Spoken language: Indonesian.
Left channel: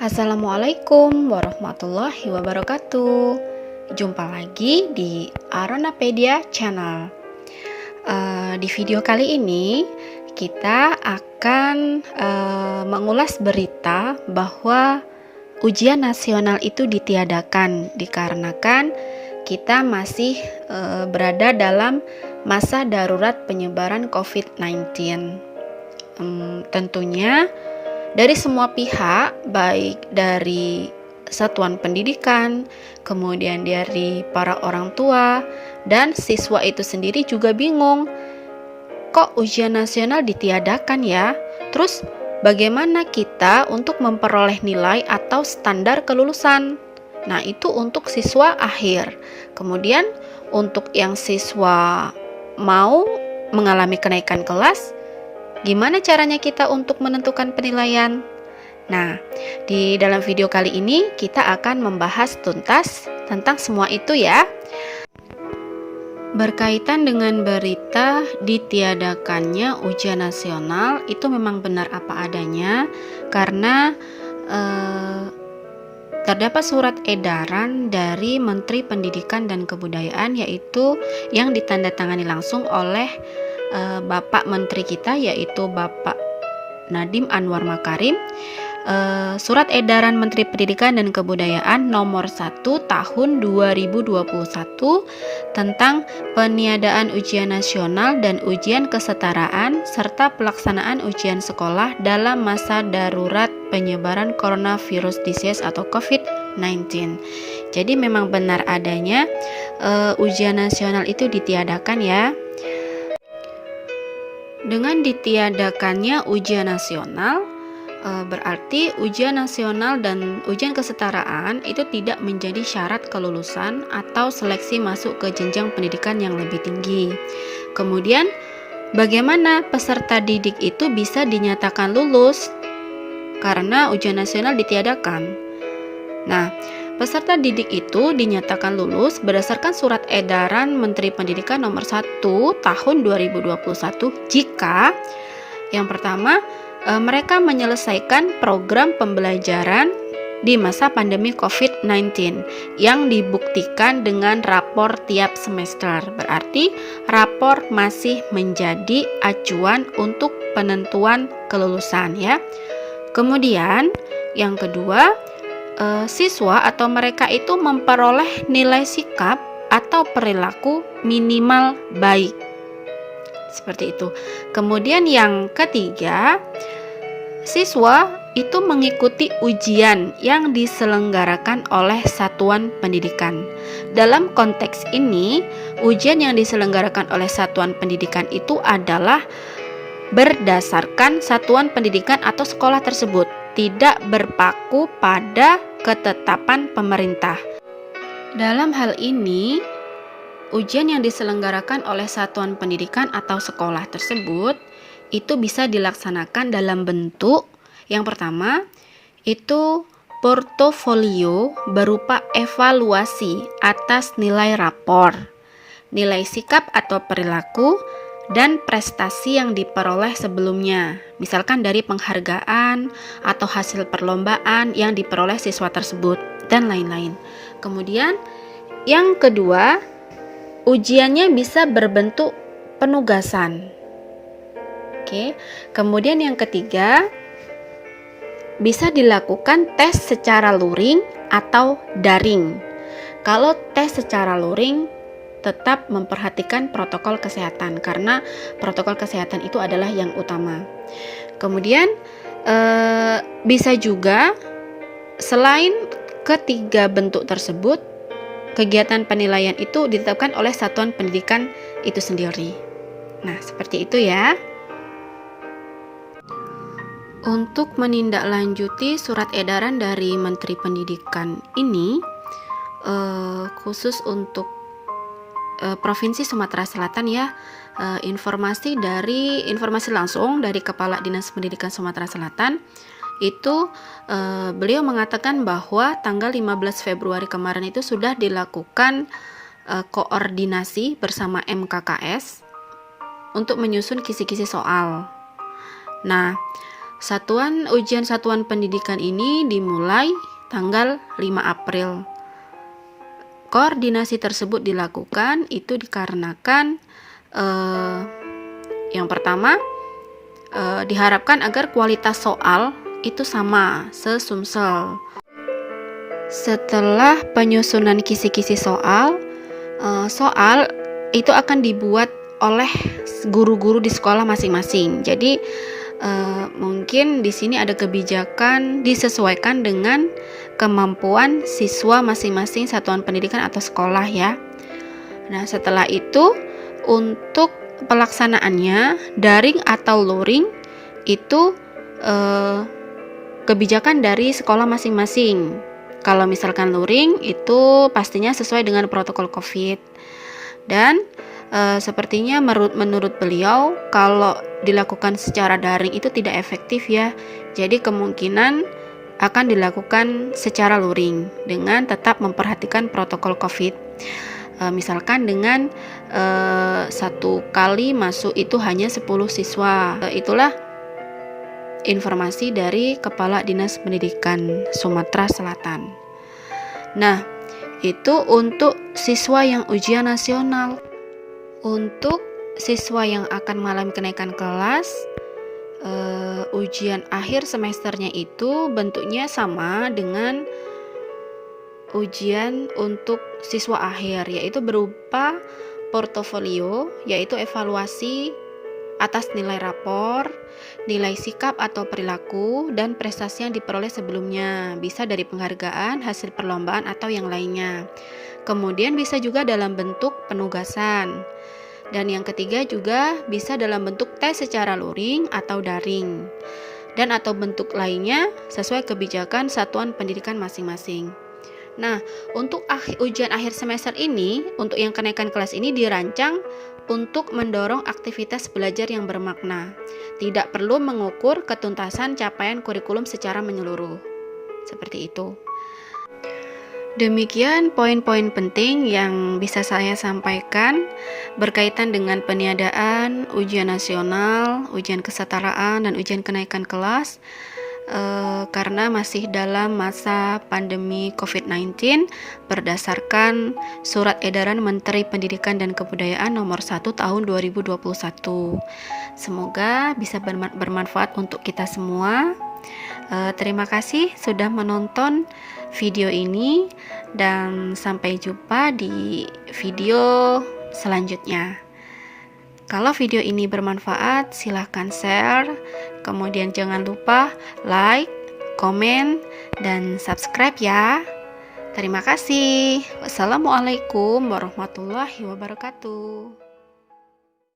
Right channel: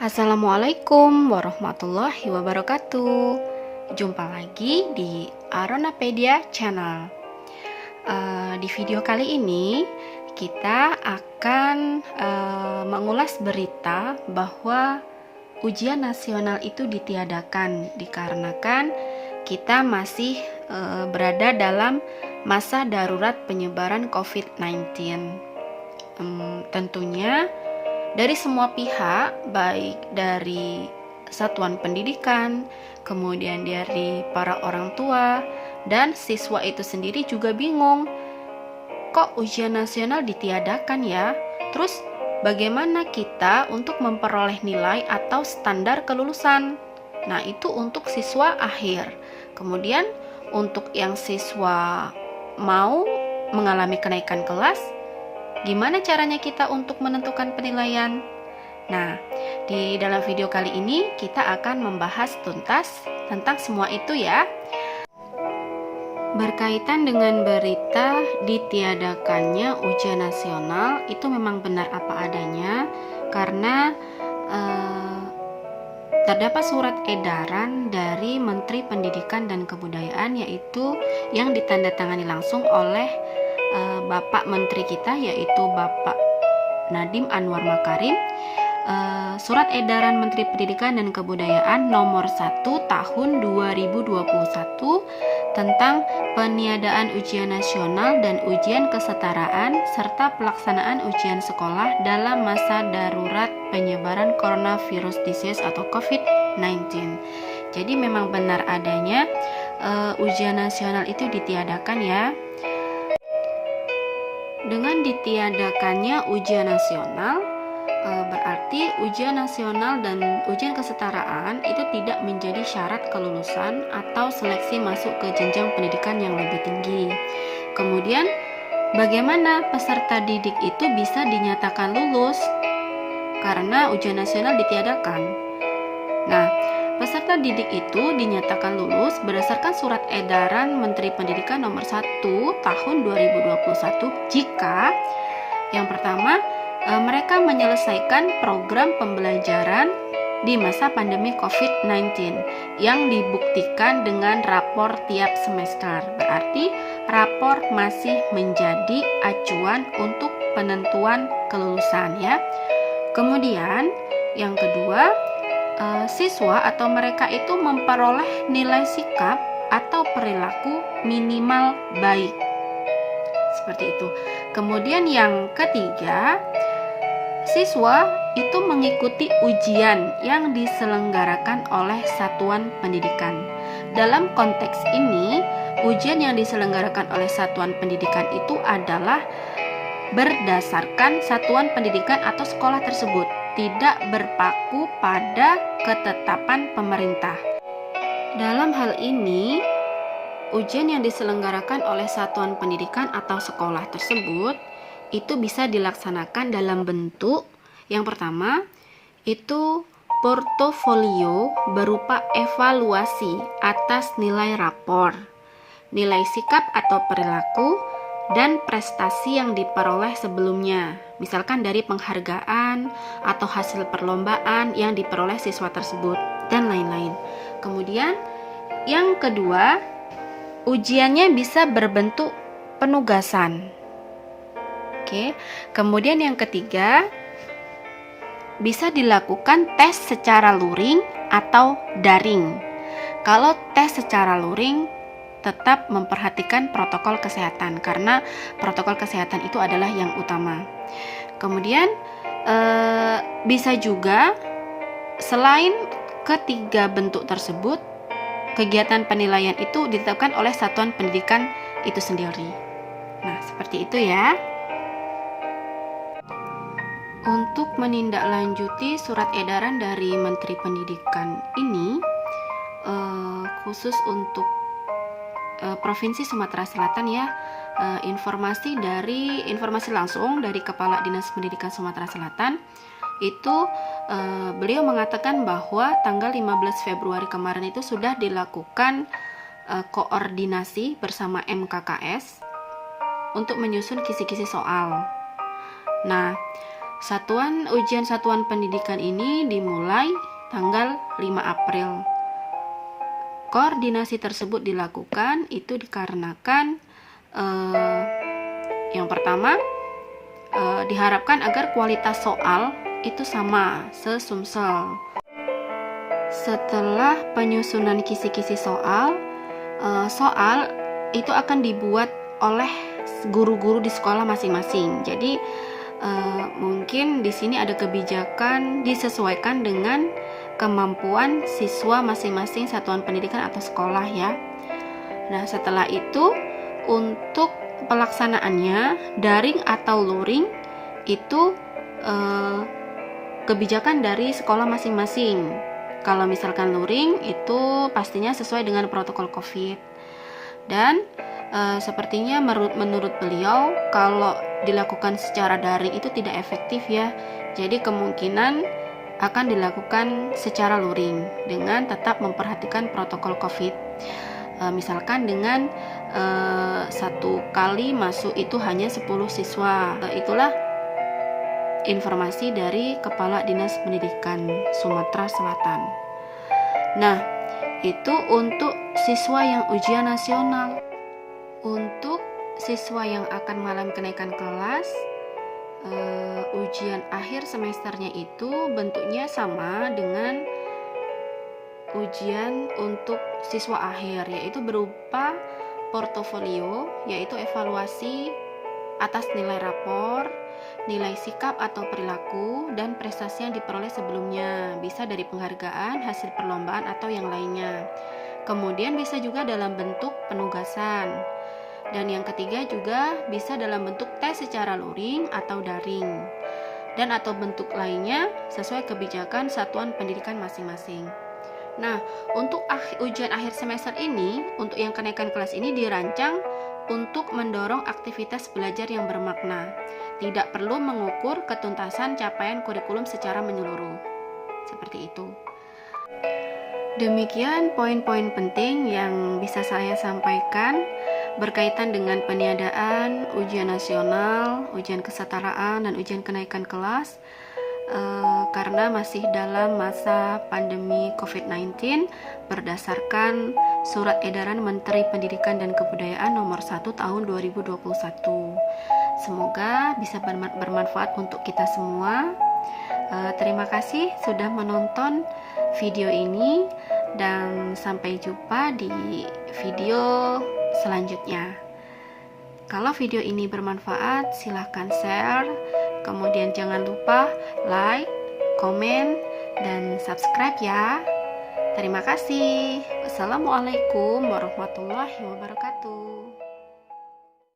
Assalamualaikum warahmatullahi wabarakatuh. Jumpa lagi di Aronapedia Channel. Di video kali ini kita akan mengulas berita bahwa ujian nasional itu ditiadakan dikarenakan kita masih berada dalam masa darurat penyebaran COVID-19. Tentunya dari semua pihak, baik dari satuan pendidikan, kemudian dari para orang tua, dan siswa itu sendiri juga bingung. Kok ujian nasional ditiadakan ya? Terus bagaimana kita untuk memperoleh nilai atau standar kelulusan? Nah, itu untuk siswa akhir. Kemudian untuk yang siswa mau mengalami kenaikan kelas, gimana caranya kita untuk menentukan penilaian? Nah, di dalam video kali ini kita akan membahas tuntas tentang semua itu ya. Berkaitan dengan berita ditiadakannya ujian nasional, itu memang benar apa adanya karena terdapat surat edaran dari Menteri Pendidikan dan Kebudayaan, yaitu yang ditandatangani langsung oleh Bapak Menteri kita, yaitu Bapak Nadiem Anwar Makarim. Surat edaran Menteri Pendidikan dan Kebudayaan nomor 1 tahun 2021 tentang peniadaan ujian nasional dan ujian kesetaraan serta pelaksanaan ujian sekolah dalam masa darurat penyebaran coronavirus disease atau COVID-19. Jadi memang benar adanya ujian nasional itu ditiadakan ya. Dengan ditiadakannya ujian nasional, berarti ujian nasional dan ujian kesetaraan itu tidak menjadi syarat kelulusan atau seleksi masuk ke jenjang pendidikan yang lebih tinggi. Kemudian, bagaimana peserta didik itu bisa dinyatakan lulus karena ujian nasional ditiadakan? Nah, peserta didik itu dinyatakan lulus berdasarkan surat edaran Menteri Pendidikan nomor 1 tahun 2021 jika yang pertama, mereka menyelesaikan program pembelajaran di masa pandemi COVID-19 yang dibuktikan dengan rapor tiap semester. Berarti rapor masih menjadi acuan untuk penentuan kelulusan ya. Kemudian yang kedua, siswa atau mereka itu memperoleh nilai sikap atau perilaku minimal baik. Seperti itu. Kemudian yang ketiga, siswa itu mengikuti ujian yang diselenggarakan oleh satuan pendidikan. Dalam konteks ini, ujian yang diselenggarakan oleh satuan pendidikan itu adalah berdasarkan satuan pendidikan atau sekolah tersebut, tidak berpaku pada ketetapan pemerintah. Dalam hal ini, ujian yang diselenggarakan oleh satuan pendidikan atau sekolah tersebut itu bisa dilaksanakan dalam bentuk yang pertama itu portofolio berupa evaluasi atas nilai rapor, nilai sikap atau perilaku, dan prestasi yang diperoleh sebelumnya, misalkan dari penghargaan atau hasil perlombaan yang diperoleh siswa tersebut, dan lain-lain. Kemudian yang kedua, ujiannya bisa berbentuk penugasan. Oke. Kemudian yang ketiga, bisa dilakukan tes secara luring atau daring. Kalau tes secara luring, tetap memperhatikan protokol kesehatan karena protokol kesehatan itu adalah yang utama. Kemudian bisa juga selain ketiga bentuk tersebut, kegiatan penilaian itu ditetapkan oleh satuan pendidikan itu sendiri. Nah, seperti itu ya. Untuk menindaklanjuti surat edaran dari Menteri Pendidikan ini, khusus untuk Provinsi Sumatera Selatan ya, informasi langsung dari Kepala Dinas Pendidikan Sumatera Selatan itu beliau mengatakan bahwa tanggal 15 Februari kemarin itu sudah dilakukan koordinasi bersama MKKS untuk menyusun kisi-kisi soal. Nah, Ujian satuan pendidikan ini dimulai tanggal 5 April. Koordinasi tersebut dilakukan itu dikarenakan yang pertama diharapkan agar kualitas soal itu sama, sesumsel. Setelah penyusunan kisi-kisi soal itu akan dibuat oleh guru-guru di sekolah masing-masing. Jadi mungkin di sini ada kebijakan disesuaikan dengan kemampuan siswa masing-masing satuan pendidikan atau sekolah ya. Nah, setelah itu untuk pelaksanaannya daring atau luring itu kebijakan dari sekolah masing-masing. Kalau misalkan luring itu pastinya sesuai dengan protokol COVID. Dan sepertinya menurut beliau kalau dilakukan secara daring itu tidak efektif ya. Jadi kemungkinan akan dilakukan secara luring dengan tetap memperhatikan protokol COVID. Misalkan dengan satu kali masuk itu hanya 10 siswa. Itulah informasi dari Kepala Dinas Pendidikan Sumatera Selatan. Nah, itu untuk siswa yang ujian nasional. Untuk siswa yang akan mengalami kenaikan kelas, ujian akhir semesternya itu bentuknya sama dengan ujian untuk siswa akhir, yaitu berupa portofolio, yaitu evaluasi atas nilai rapor, nilai sikap atau perilaku, dan prestasi yang diperoleh sebelumnya, bisa dari penghargaan, hasil perlombaan, atau yang lainnya. Kemudian bisa juga dalam bentuk penugasan. Dan yang ketiga juga bisa dalam bentuk tes secara luring atau daring. Dan atau bentuk lainnya sesuai kebijakan satuan pendidikan masing-masing. Nah, untuk ujian akhir semester ini, untuk yang kenaikan kelas ini dirancang untuk mendorong aktivitas belajar yang bermakna. Tidak perlu mengukur ketuntasan capaian kurikulum secara menyeluruh. Seperti itu. Demikian poin-poin penting yang bisa saya sampaikan berkaitan dengan peniadaan ujian nasional, ujian kesetaraan, dan ujian kenaikan kelas karena masih dalam masa pandemi COVID-19 berdasarkan Surat Edaran Menteri Pendidikan dan Kebudayaan Nomor 1 Tahun 2021. Semoga bisa bermanfaat untuk kita semua. Terima kasih sudah menonton video ini dan sampai jumpa di video selanjutnya. Kalau video ini bermanfaat, silahkan share, kemudian jangan lupa like, komen, dan subscribe ya. Terima kasih. Wassalamualaikum warahmatullahi wabarakatuh.